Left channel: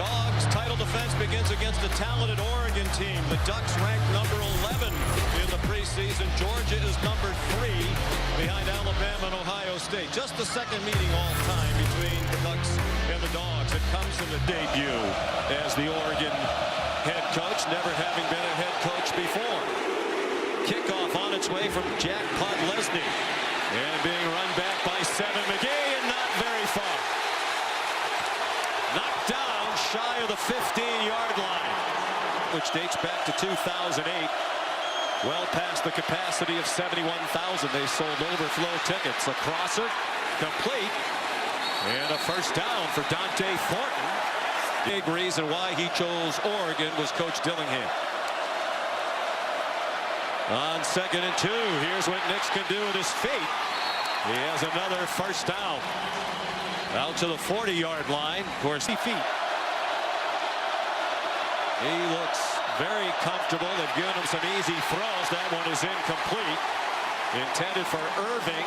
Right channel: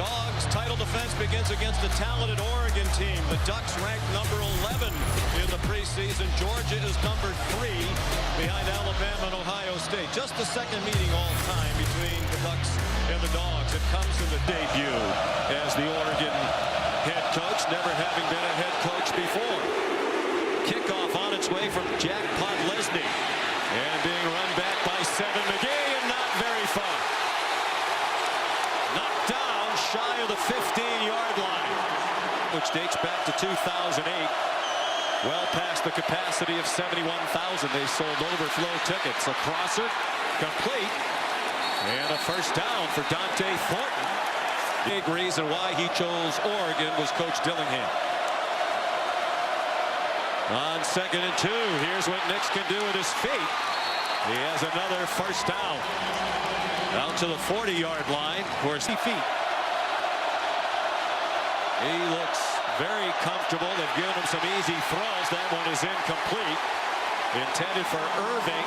Dogs' title defense begins against a talented Oregon team. The Ducks ranked number 11 in the preseason. Georgia is number 3 behind Alabama and Ohio State. Just the second meeting all time between the Ducks and the Dogs. It comes in the debut as the Oregon head coach, never having been a head coach before. Kickoff on its way from Jack Podlesny. And being run back by Seven McGee, and not very far. Knocked down shy of the 15-yard line, which dates back to 2008. Well past the capacity of 71,000. They sold overflow tickets. A crosser, complete, and a first down for Dante Thornton. Big reason why he chose Oregon was Coach Dillingham. On 2nd and 2, here's what Nix can do with his feet. He has another first down. Out to the 40-yard line. Of course, feet. He looks very comfortable. They've given him some easy throws. That one is incomplete. Intended for Irving.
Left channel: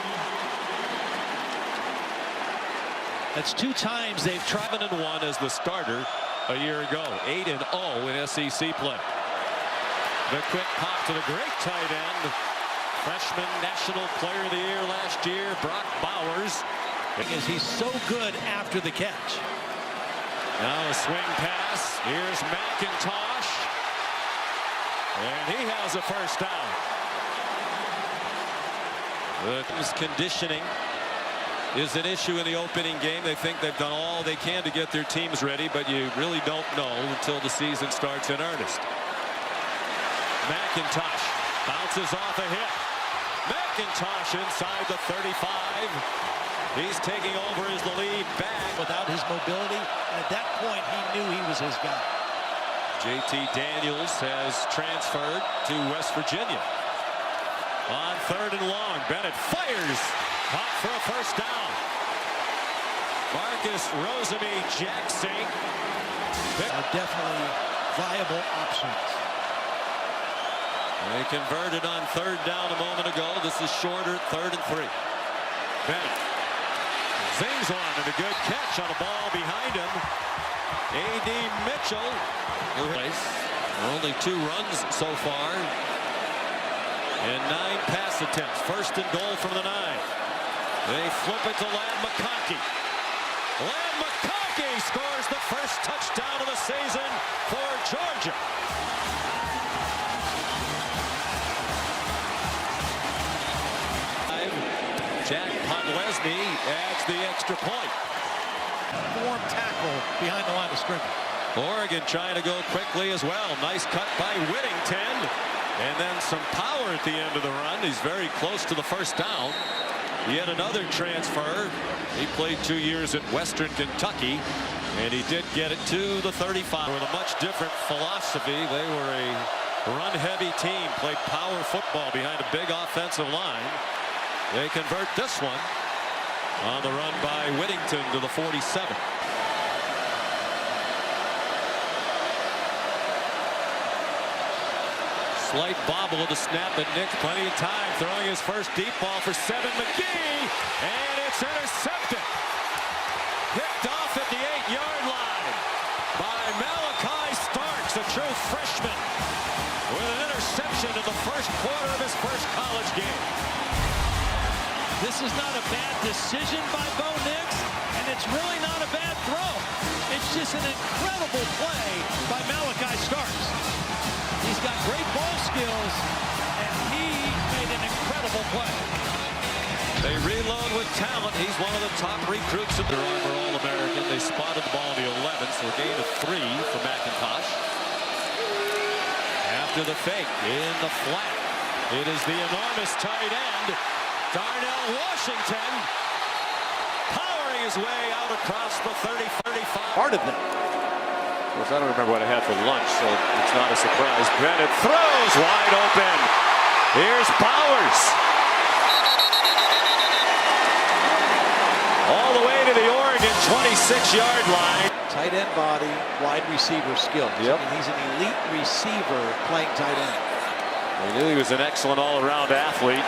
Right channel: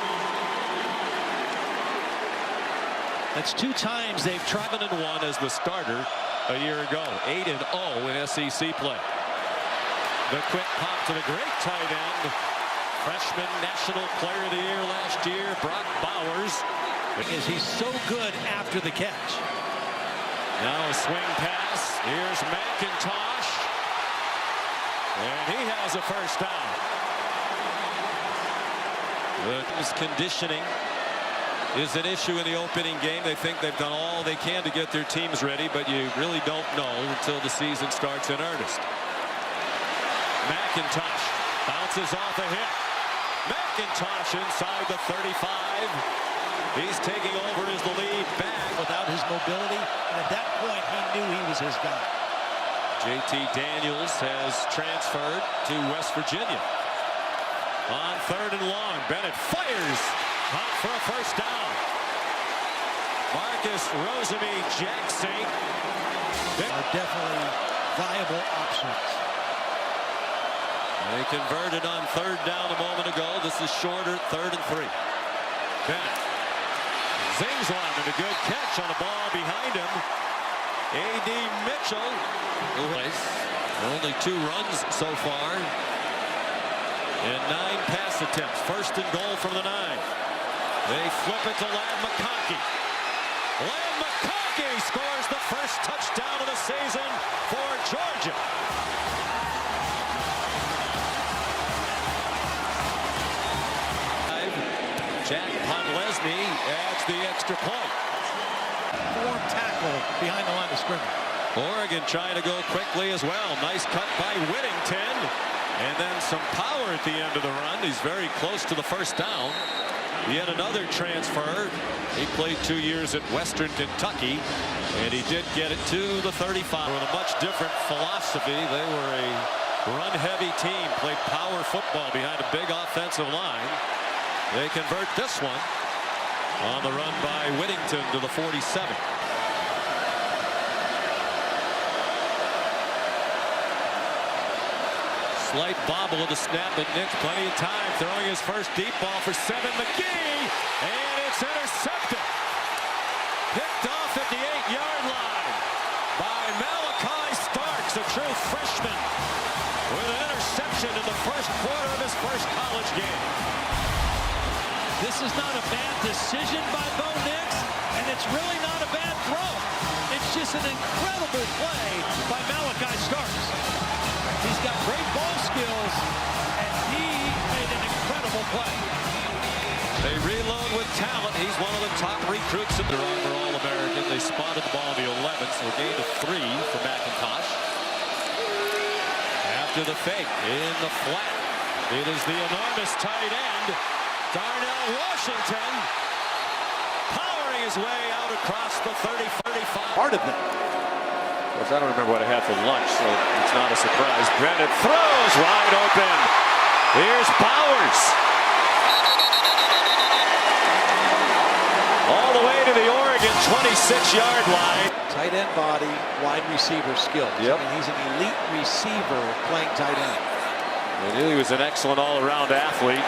That's 2 times they've tried. 7-1 as the starter a year ago. 8-0 in SEC play. The quick pop to the great tight end. Freshman National Player of the Year last year, Brock Bowers. Because he's so good after the catch. Now a swing pass. Here's McIntosh. And he has a first down. The team's conditioning is an issue in the opening game. They think they've done all they can to get their teams ready, but you really don't know until the season starts in earnest. McIntosh bounces off a hit. McIntosh inside the 35. He's taking over as the lead back. Without his mobility, and at that point he knew he was his guy. JT Daniels has transferred to West Virginia. On 3rd and long, Bennett fires. Caught for a first down. Marcus Rosemy-Jackson are definitely viable options. They converted on 3rd down a moment ago. This is shorter, 3rd and 3. Bennett zings one, and a good catch on a ball behind him. A.D. Mitchell, who has only 2 runs so far and 9 pass attempts. 1st and goal from the 9. They flip it to Ladd McConkey. Ladd McConkey scores the first touchdown of the season for Georgia. Jack Podlesny adds the extra point. Warm tackle behind the line of scrimmage. Oregon trying to go quickly as well. Nice cut by Whittington. And then some power at the end of the run. He's very close to the first down. Yet another transfer. He played 2 years at Western Kentucky. And he did get it to the 35 with a much different philosophy. They were a run-heavy team. Played power football behind a big offensive line. They convert this one on the run by Whittington to the 47. Slight bobble of the snap, and Nix plenty of time throwing his first deep ball for Seven McGee, and it's intercepted. Picked off at the 8-yard line by Malachi Starks, a true freshman, with an interception in the first quarter of his first college game. This is not a bad decision by Bo Nix, and it's really not a bad throw. It's just an incredible play by Malachi Starks. He's got great ball skills, and he made an incredible play. They reload with talent. He's one of the top recruits in their Armor All-American. They spotted the ball in the 11th, so a gain of 3 for McIntosh. After the fake, in the flat, it is the enormous tight end, Darnell Washington, powering his way out across the 30-35. Part of that. Of course, I don't remember what I had for lunch, so it's not a surprise. Bennett throws wide open. Here's Bowers. All the way to the Oregon 26-yard line. Tight end body, wide receiver skills. Yep. I mean, he's an elite receiver playing tight end. We knew he was an excellent all-around athlete.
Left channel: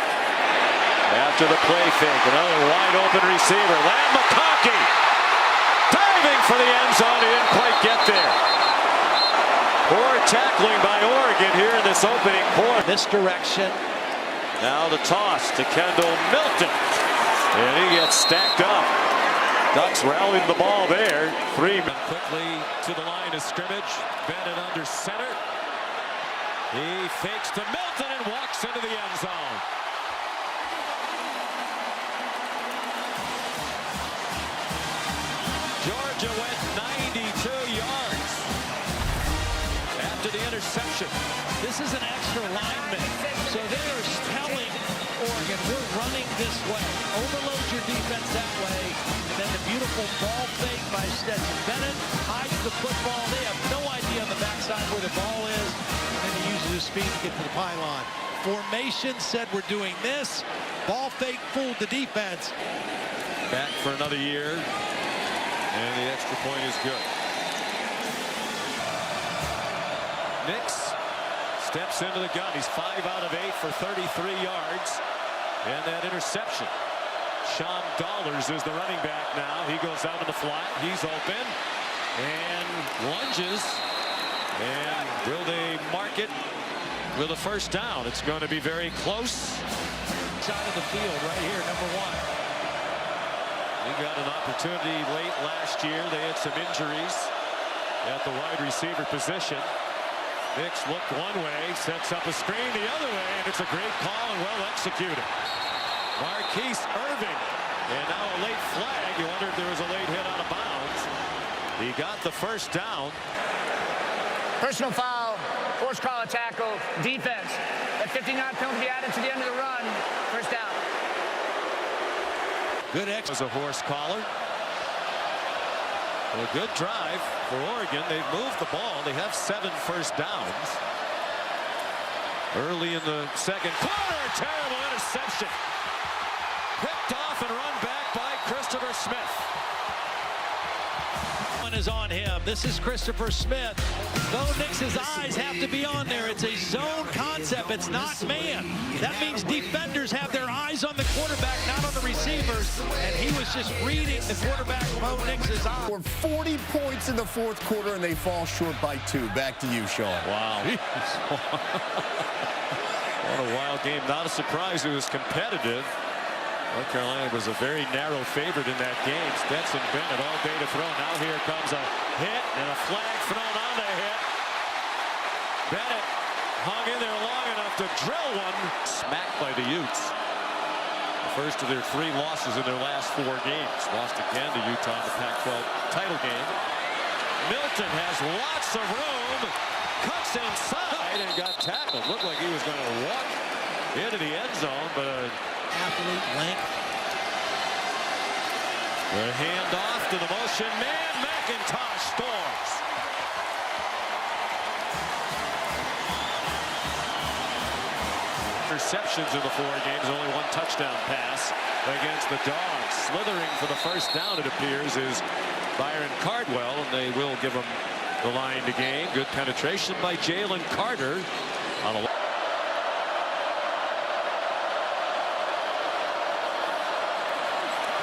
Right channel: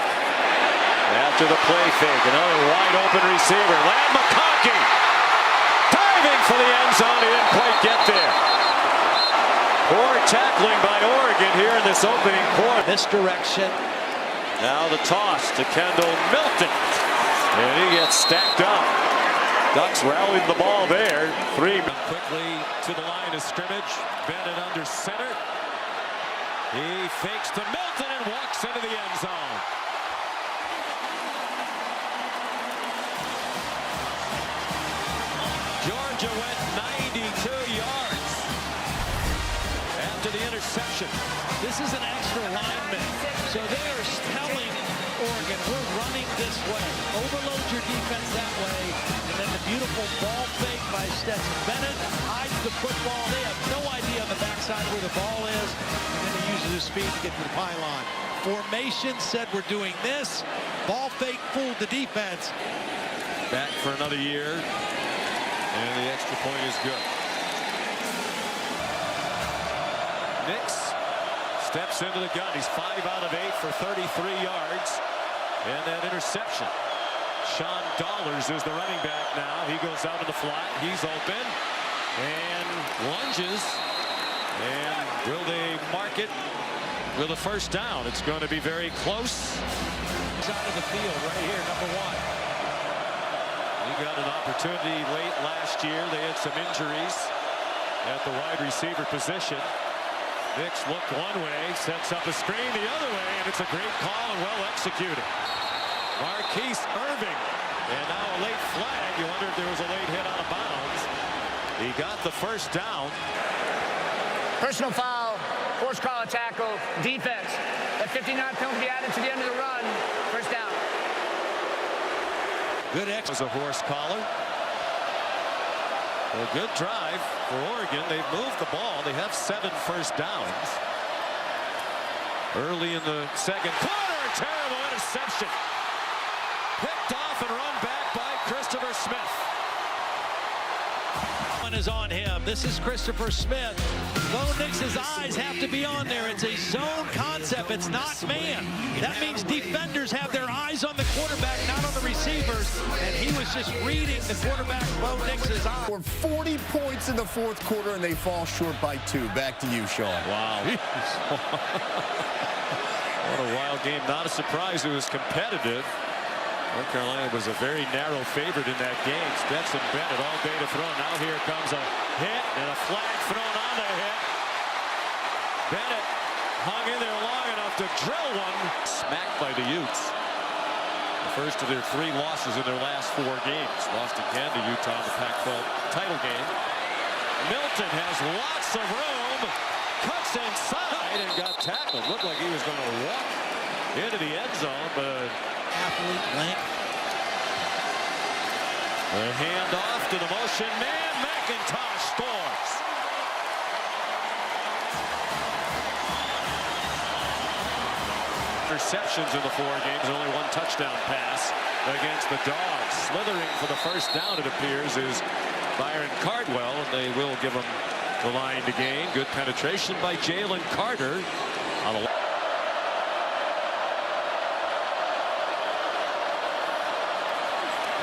After the play fake, another wide open receiver. Ladd McConkey diving for the end zone. He didn't quite get there. tackling by Oregon here in this opening quarter. Misdirection. Now the toss to Kendall Milton. And he gets stacked up. Ducks rallied the ball there. Three. Quickly to the line of scrimmage. Bennett under center. He fakes to Milton and walks into the end zone. Georgia went 92 yards after the interception. This is an extra lineman, so they are telling Oregon, we're running this way. Overload your defense that way, and then the beautiful ball fake by Stetson Bennett hides the football. They have no idea on the backside where the ball is, and then he uses his speed to get to the pylon. Formation said we're doing this. Ball fake fooled the defense. Back for another year, and the extra point is good. Nix steps into the gun. He's 5 out of 8 for 33 yards. And that interception. Sean Dollars is the running back now. He goes out in the flat. He's open. And lunges. And will they mark it with a first down? It's going to be very close. Side of the field right here, number 1. He got an opportunity late last year. They had some injuries at the wide receiver position. Nix looked one way, sets up a screen the other way, and it's a great call and well executed. Marquise Irving, and now a late flag. You wonder if there was a late hit out of bounds. He got the first down. Personal foul, forced call a tackle, defense. That 59 penalty added to the end of the run. First down. Good X was a horse collar. A good drive for Oregon. They've moved the ball. They have 7 first downs. Early in the second quarter, a terrible interception. Picked off and run back by Christopher Smith. One is on him. This is Christopher Smith. Bo Nix's eyes have to be on there. It's a zone concept. It's not man. That means defenders have their eyes on the quarterback, not on the receivers. And he was just reading the quarterback, Bo Nix's eyes. For 40 points in the fourth quarter, and they fall short by 2. Back to you, Sean. Wow. What a wild game. Not a surprise it was competitive. North Carolina was a very narrow favorite in that game. Stetson Bennett all day to throw. Now here comes a hit and a flag thrown on the hit. Bennett hung in there long enough to drill one. Smacked by the Utes. The first of their 3 losses in their last 4 games. Lost again to Utah in the Pac-12 title game. Milton has lots of room. Cuts inside and got tackled. Looked like he was going to walk into the end zone, but Athlete length. the handoff to the motion man. McIntosh scores. Interceptions in the 4 games, only 1 touchdown pass against the Dogs. Slithering for the first down, it appears, is Byron Cardwell, and they will give him the line to gain. Good penetration by Jalen Carter on a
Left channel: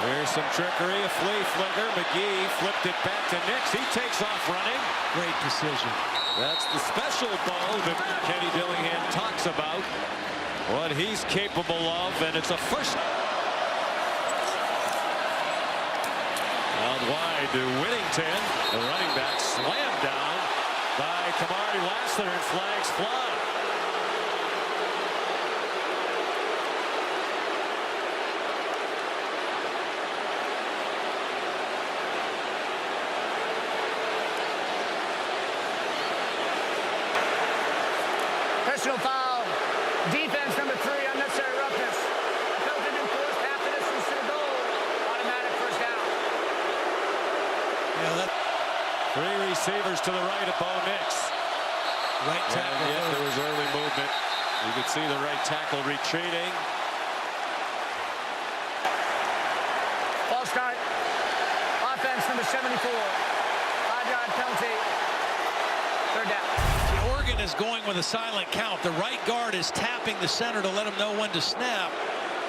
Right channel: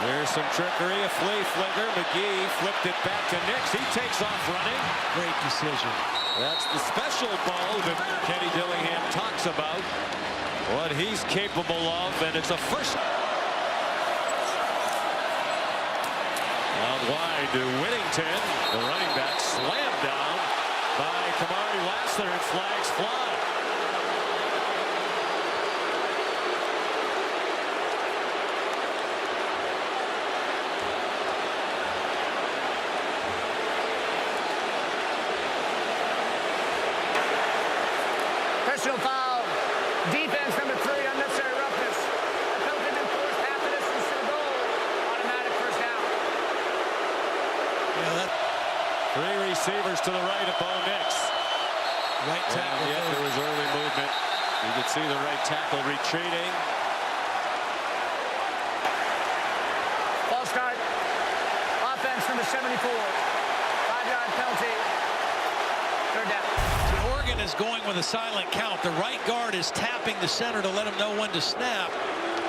There's some trickery, a flea flicker. McGee flipped it back to Nix. He takes off running. Great decision. That's the special Bo that Kenny Dillingham talks about. What he's capable of, and it's a first. Out wide to Whittington. The running back slammed down by Kamari Lassiter, and flags fly. Personal foul, defense number 3, unnecessary roughness. Penalty been forced half the distance to the goal. Automatic first down. Yeah, that 3 receivers to the right of Bo Nix. right tackle. And yet there was early movement. You could see the right tackle retreating. Ball start. Offense number 74. 5-yard penalty. Third down. Oregon is going with a silent count. The right guard is tapping the center to let him know when to snap.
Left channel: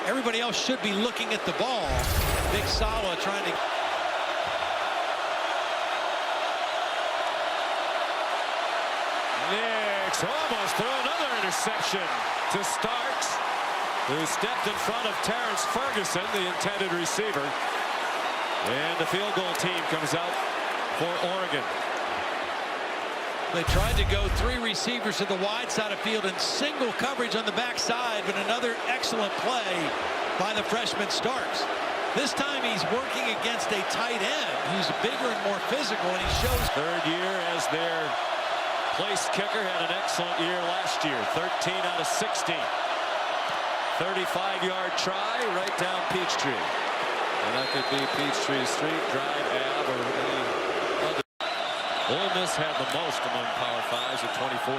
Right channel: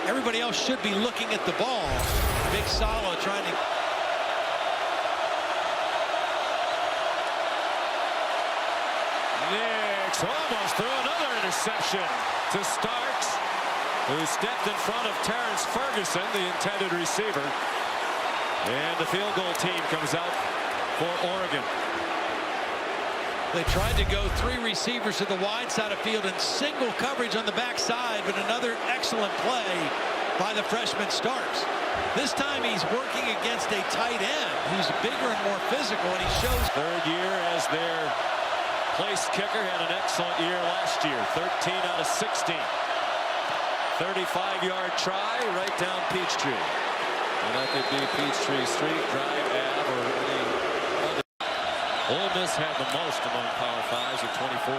Everybody else should be looking at the ball. And Big Sala trying to. Nix almost threw another interception to Starks, who stepped in front of Terrence Ferguson, the intended receiver. And the field goal team comes out for Oregon. They tried to go 3 receivers to the wide side of field in single coverage on the backside, but another excellent play by the freshman Starks. This time he's working against a tight end who's bigger and more physical, and he shows. Third year as their place kicker, had an excellent year last year. 13 out of 16. 35-yard try right down Peachtree. And that could be Peachtree Street, Drive, Ave, or any other. Ole Miss had the most among Power Fives at 24.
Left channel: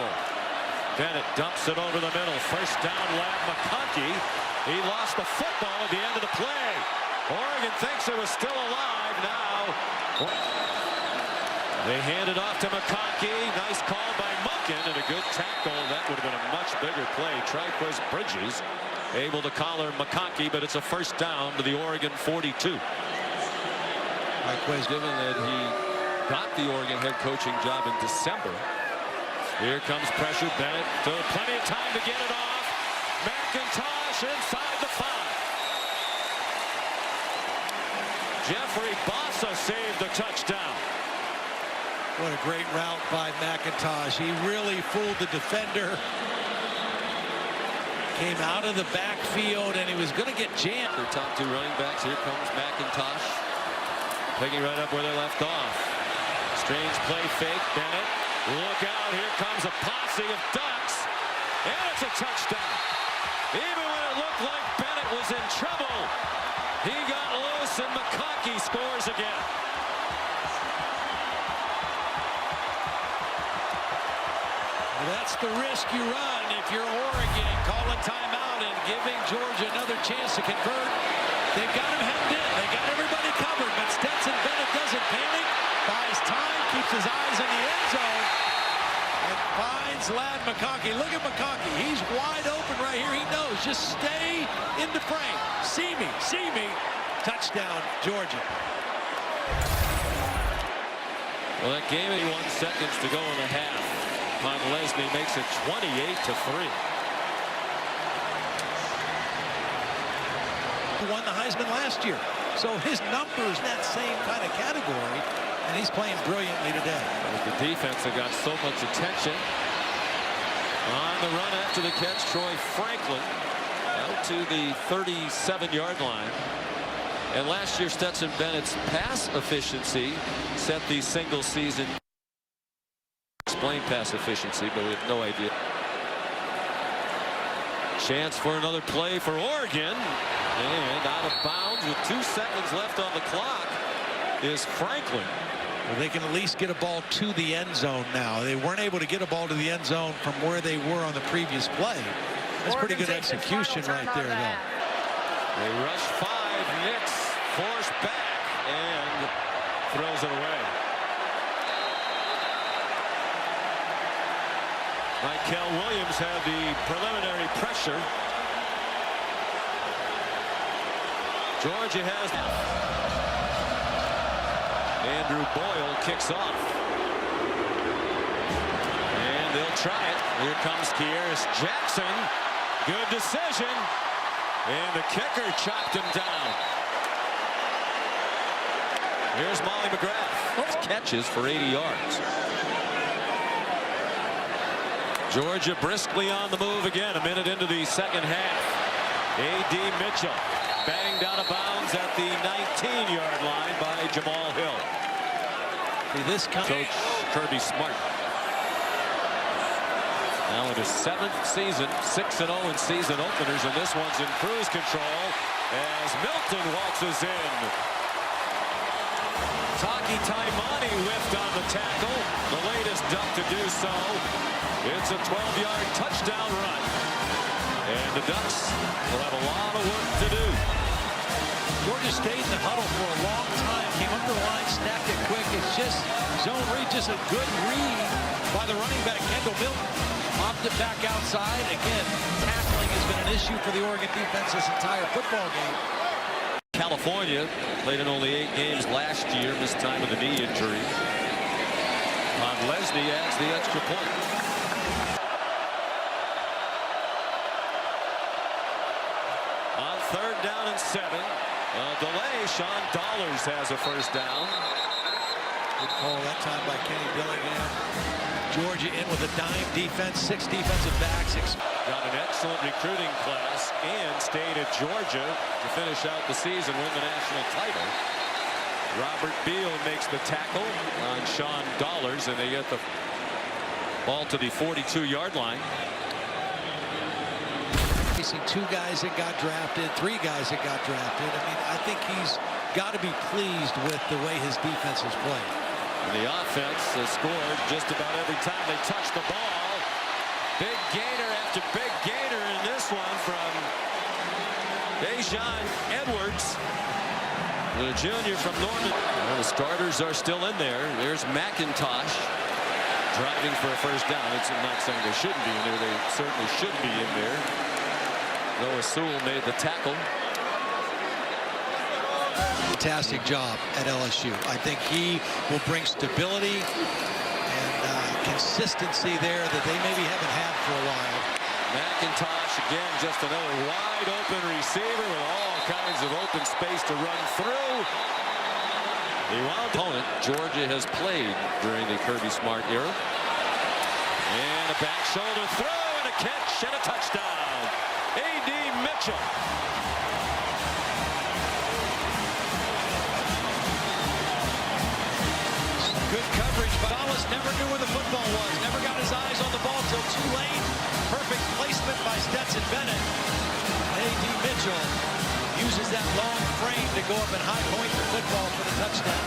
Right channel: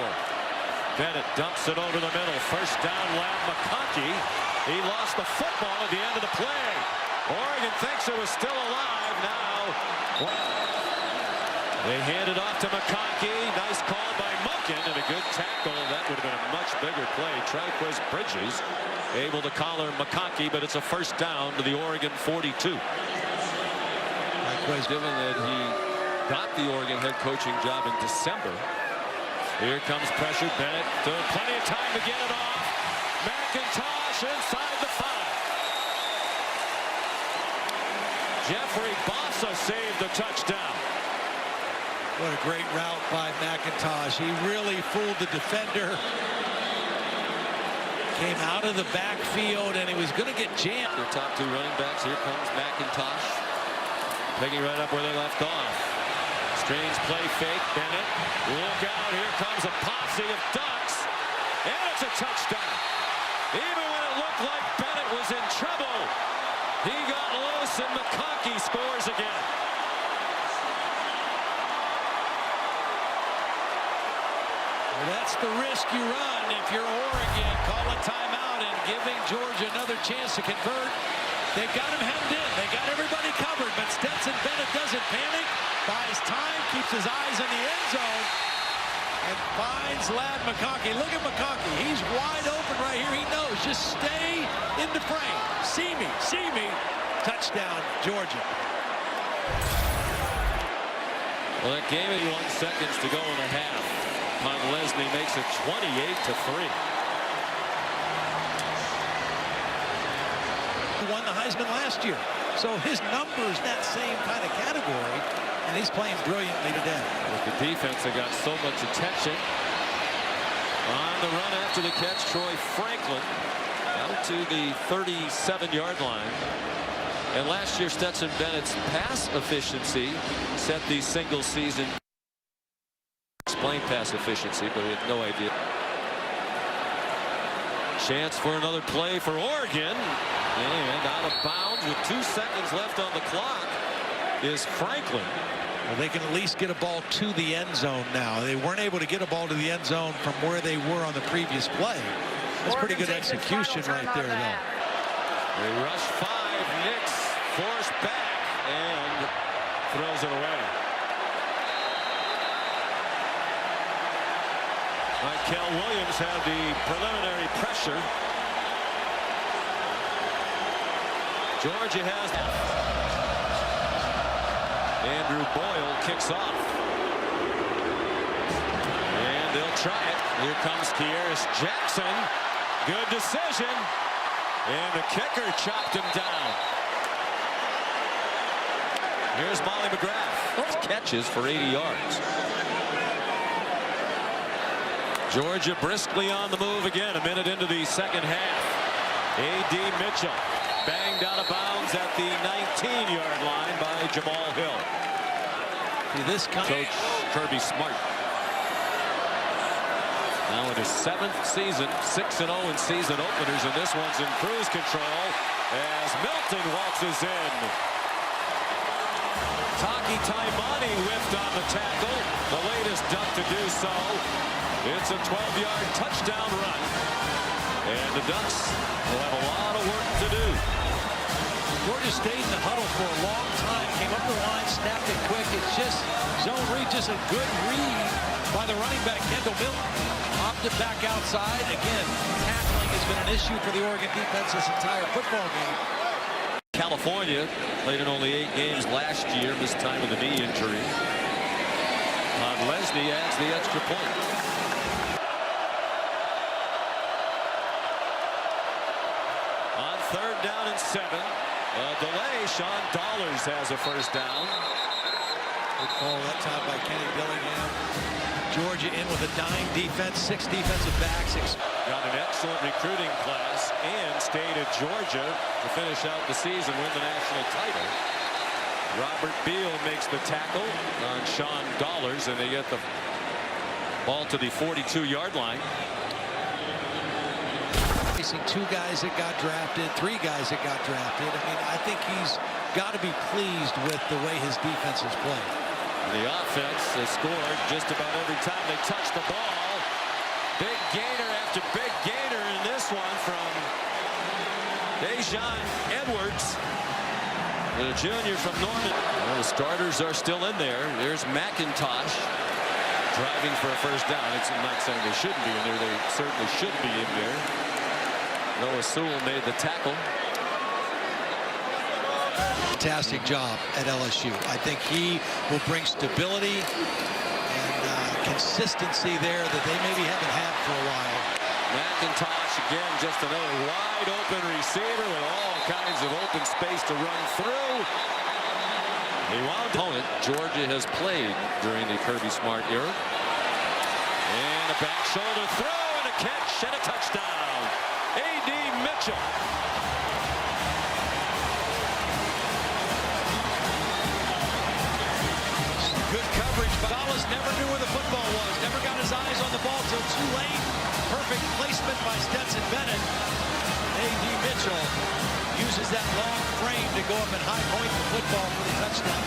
Bennett dumps it over the middle. First down, Lab McConkey. He lost the football at the end of the play. Oregon thinks it was still alive now. They hand it off to McConkey. Nice call by Munkin and a good tackle. That would have been a much bigger play. Triquez Bridges able to collar McConkey, but it's a first down to the Oregon 42. Triquez, given that he got the Oregon head coaching job in December. Here comes pressure. Bennett, still plenty of time to get it off. McIntosh inside the 5. Jeffrey Bossa saved the touchdown. What a great route by McIntosh. He really fooled the defender. Came out of the backfield, and he was going to get jammed. Their top 2 running backs. Here comes McIntosh. Picking right up where they left off. Strange play fake. Bennett. Look out. Here comes a posse of Ducks. And it's a touchdown. Even when it looked like Bennett was in trouble, he got loose, and McConkey scores again. Well, that's the risk you run if you're Oregon, calling timeout and giving Georgia another chance to convert. They've got him hemmed in. They got everybody covered, but Stetson Bennett doesn't panic, buys time, keeps his eyes in the end zone, and finds Ladd McConkey. Look at McConkey. He's wide open right here. He knows. Just stay in the frame. See me. See me. Touchdown, Georgia. Well, that game, 81 seconds to go in the half. Lesney makes it 28-3. He won the Heisman last year, so his numbers in that same kind of category, and he's playing brilliantly today. With the defense that got so much attention. On the run after the catch, Troy Franklin out to the 37-yard line. And last year, Stetson Bennett's pass efficiency set the single season. Explain pass efficiency, but we have no idea. Chance for another play for Oregon. And out of bounds with 2 seconds left on the clock is Franklin. Well, they can at least get a ball to the end zone now. They weren't able to get a ball to the end zone from where they were on the previous play. That's pretty good execution right there, though. They rush 5. Nix forced back and throws it away. Michael Williams had the preliminary pressure. Georgia has now. Andrew Boyle kicks off. And they'll try it. Here comes Kearis Jackson. Good decision. And the kicker chopped him down. Here's Molly McGrath. Catches for 80 yards. Georgia briskly on the move again, a minute into the second half. A.D. Mitchell banged out of bounds at the 19-yard line by Jamal Hill. See this Coach Kirby Smart. Now in his 7th season, 6-0 in season openers, and this one's in cruise control as Milton waltzes in. Taki Taimani whiffed on the tackle, the latest Duck to do so. It's a 12-yard touchdown run, and the Ducks will have a lot of work to do. Georgia stayed in the huddle for a long time, came up the line, snapped it quick. It's just zone read, just a good read by the running back, Kendall Milton. Opted back outside. Again, tackling has been an issue for the Oregon defense this entire football game. California played in only 8 games last year, missed time with a knee injury. Lesney adds the extra point. On 3rd down and 7. Delay. Sean Dollars has a first down. Good call that time by Kenny Dillingham. Georgia in with a dime defense, 6 defensive backs. Got an excellent recruiting class and stayed at Georgia to finish out the season, win the national title. Robert Beal makes the tackle on Sean Dollars, and they get the ball to the 42-yard line. Facing 2 guys that got drafted, 3 guys that got drafted. I mean, I think he's got to be pleased with the way his defense has played. And the offense has scored just about every time they touch the ball. Big gainer after big gainer in this one from Dejon Edwards, the junior from Norman. Well, the starters are still in there. There's McIntosh driving for a first down. I'm not saying they shouldn't be in there. They certainly should be in there. Noah Sewell made the tackle. Fantastic job at LSU. I think he will bring stability and consistency there that they maybe haven't had for a while. McIntosh again, just another wide open receiver with all kinds of open space to run through. He wound opponent Georgia has played during the Kirby Smart era. And a back shoulder throw and a catch and a touchdown. A.D. Mitchell. Good coverage. Gonzalez never knew where the football was. Never got his eyes on the ball till too late. Perfect placement by Stetson Bennett. A.D. Mitchell uses that long frame to go up and high point the football for the touchdown.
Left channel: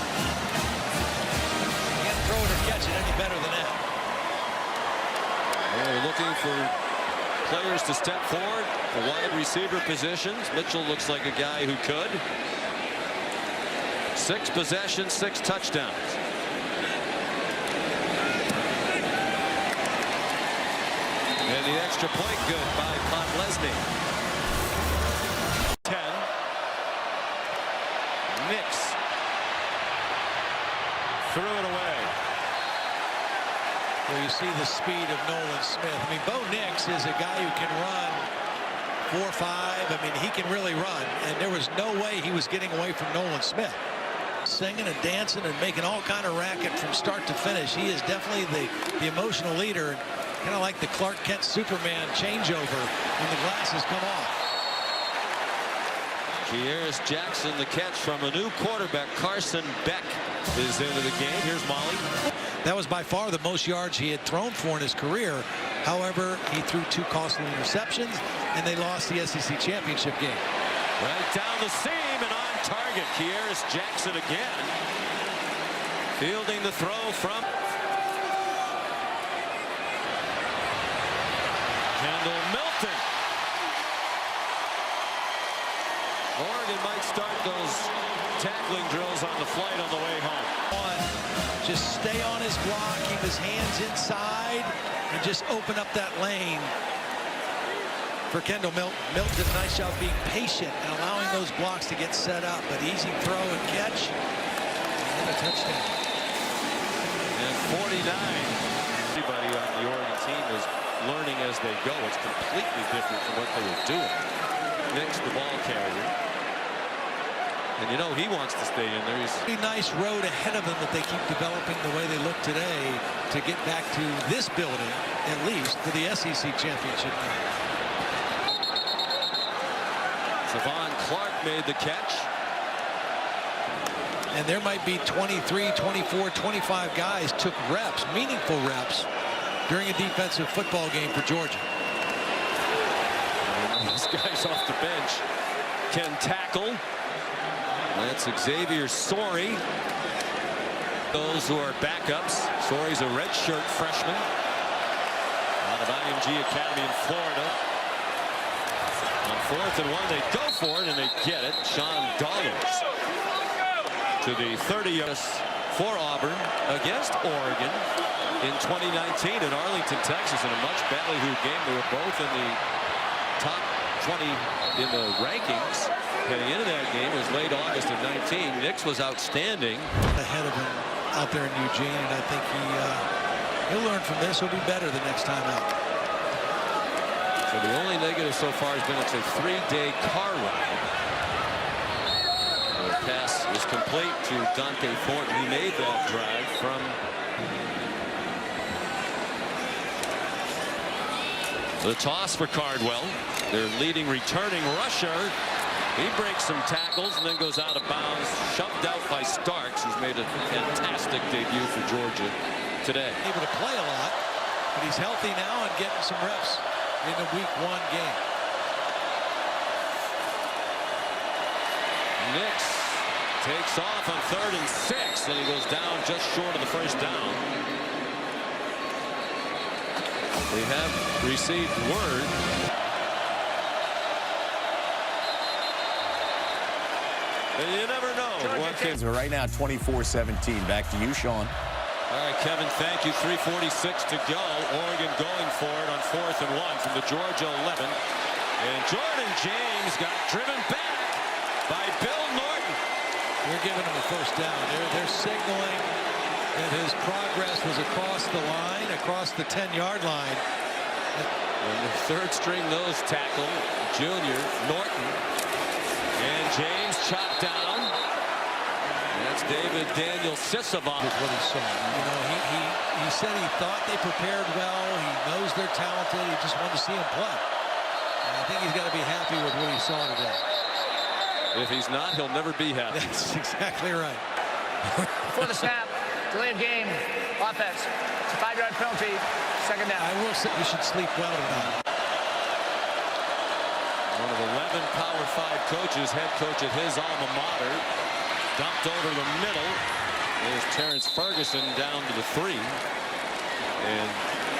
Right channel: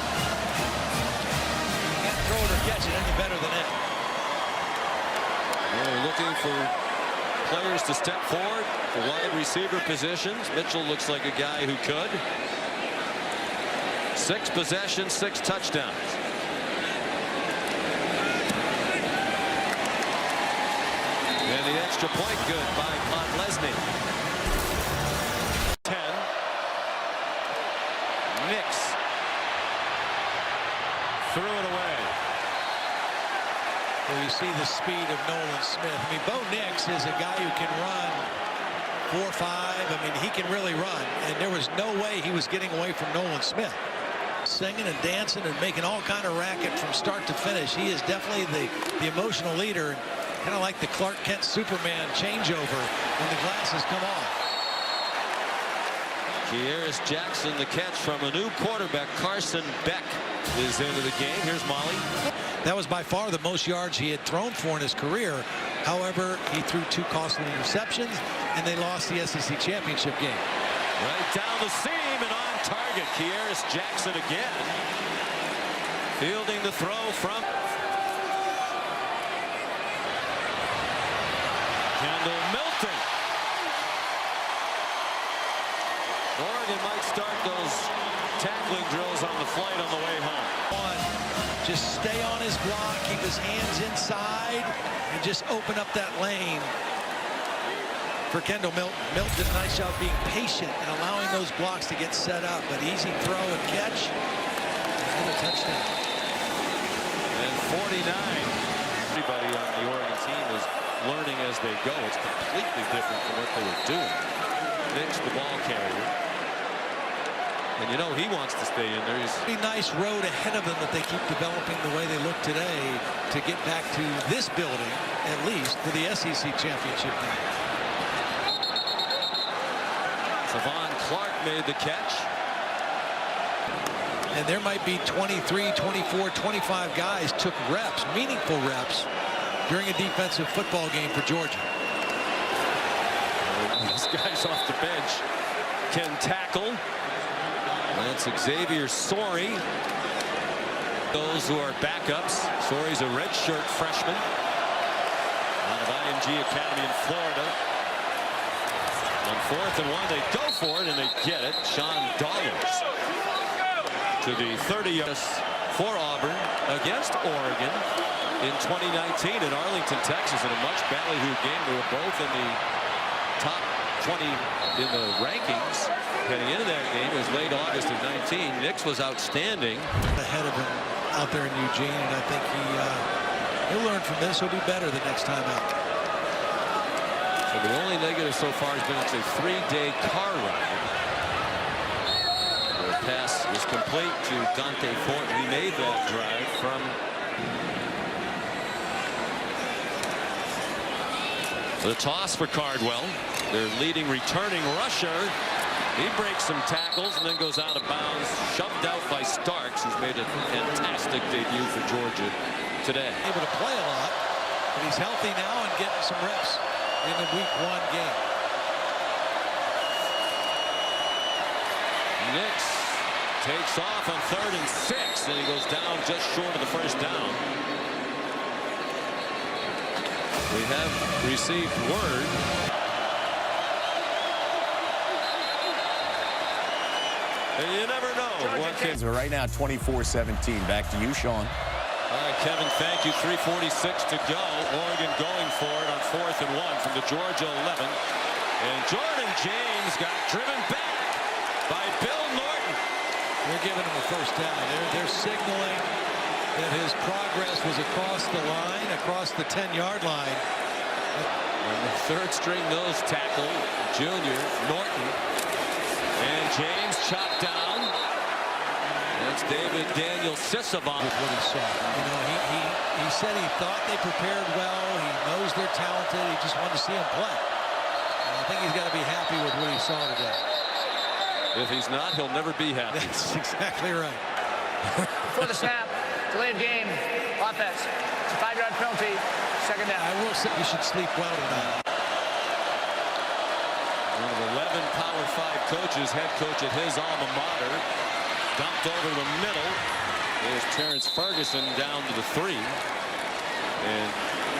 You can't throw it or catch it any better than that. Well, they're looking for players to step forward for wide receiver positions. Mitchell looks like a guy who could. 6 possessions, 6 touchdowns. And the extra point good by Podlesny. 10. Nix threw it away. Well, you see the speed of Nolan Smith. I mean, Bo Nix is a guy who can run 4-5. I mean, he can really run. And there was no way he was getting away from Nolan Smith. Singing and dancing and making all kind of racket from start to finish. He is definitely the emotional leader. Kind of like the Clark Kent Superman changeover when the glasses come off. Kearis Jackson, the catch from a new quarterback. Carson Beck is into the game. Here's Molly. That was by far the most yards he had thrown for in his career. However, he threw 2 costly interceptions, and they lost the SEC championship game. Right down the seam and on target. Kearis Jackson again. Fielding the throw from Kendall Milton. Oregon might start those tackling drills on the flight on the way home. Just stay on his block, keep his hands inside, and just open up that lane for Kendall Milton. Milton did a nice job being patient and allowing those blocks to get set up, but easy throw and catch. Another touchdown. And 49. Everybody on the Oregon team is learning as they go. It's completely different from what they were doing. Nix, the ball carrier. And you know he wants to stay in there. He's a nice road ahead of them that they keep developing the way they look today to get back to this building, at least, for the SEC championship game. Savon Clark made the catch. And there might be 23, 24, 25 guys took reps, meaningful reps, during a defensive football game for Georgia. And these guys off the bench can tackle. That's Xavier Sorey. Those who are backups. Sorey's a redshirt freshman out of IMG Academy in Florida. On 4th and 1, they go for it and they get it. Sean Dollars to the 30 for Auburn against Oregon in 2019 in Arlington, Texas, in a much ballyhooed game. They were both in the top 20 in the rankings heading into that game. It was late August of 19. Nix was outstanding. Ahead of him out there in Eugene, and I think He'll learn from this. He'll be better the next time out. So the only negative so far has been it's a 3-day car ride. The pass is complete to Dante Thornton. He made that drive from the toss for Cardwell. Their leading returning rusher. He breaks some tackles and then goes out of bounds, shoved out by Starks, who's made a fantastic debut for Georgia today. Able to play a lot, but he's healthy now and getting some reps in the Week 1 game. Nix takes off on 3rd and 6, and he goes down just short of the first down. We have received word. And you never know. Right now, 24-17. Back to you, Sean. All right, Kevin, thank you. 3:46 to go. Oregon going for it on 4th and 1 from the Georgia 11. And Jordan James got driven back by Bill Norton. They're giving him a first down. They're signaling that his progress was across the line, across the 10-yard line. And the 3rd string nose tackle, junior Norton. And James chopped down. That's David Daniel Sisavon. With what he saw. You know, he said he thought they prepared well. He knows they're talented. He just wanted to see them play. And I think he's got to be happy with what he saw today. If he's not, he'll never be happy. That's exactly right. Before the snap, delayed game, offense. It's a 5-yard penalty, 2nd down. I will say you should sleep well tonight. One of 11 Power 5 coaches, head coach at his alma mater. Dumped over the middle. There's Terrence Ferguson down to the 3. And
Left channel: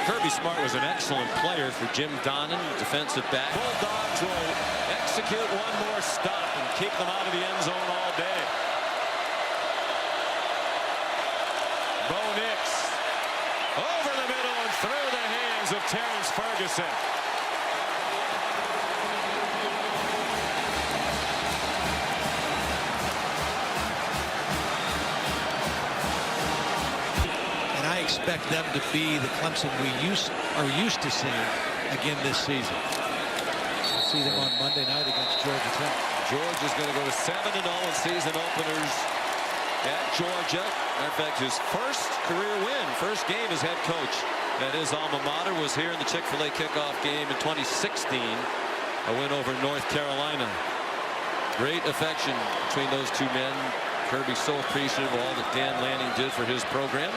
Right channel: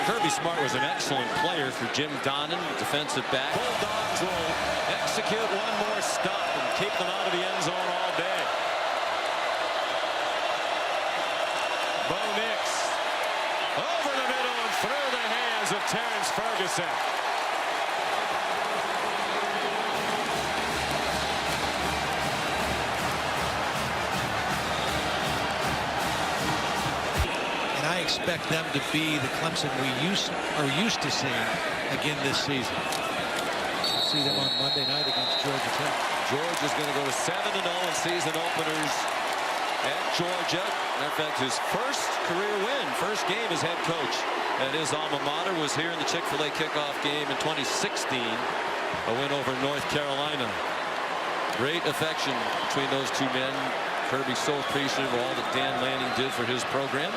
Kirby Smart was an excellent player for Jim Donnan, defensive back. Bulldogs will execute one more stop and keep them out of the end zone all day. Bo Nix over the middle and through the hands of Terrence Ferguson. And I expect them to be the Clemson we are used to seeing again this season. We'll see them on Monday night against Georgia Tech. Georgia's going to go to 7-0 in season openers at Georgia. Matter of fact, his first career win, first game as head coach at his alma mater was here in the Chick-fil-A kickoff game in 2016. A win over North Carolina. Great affection between those two men. Kirby's so appreciative of all that Dan Lanning did for his program.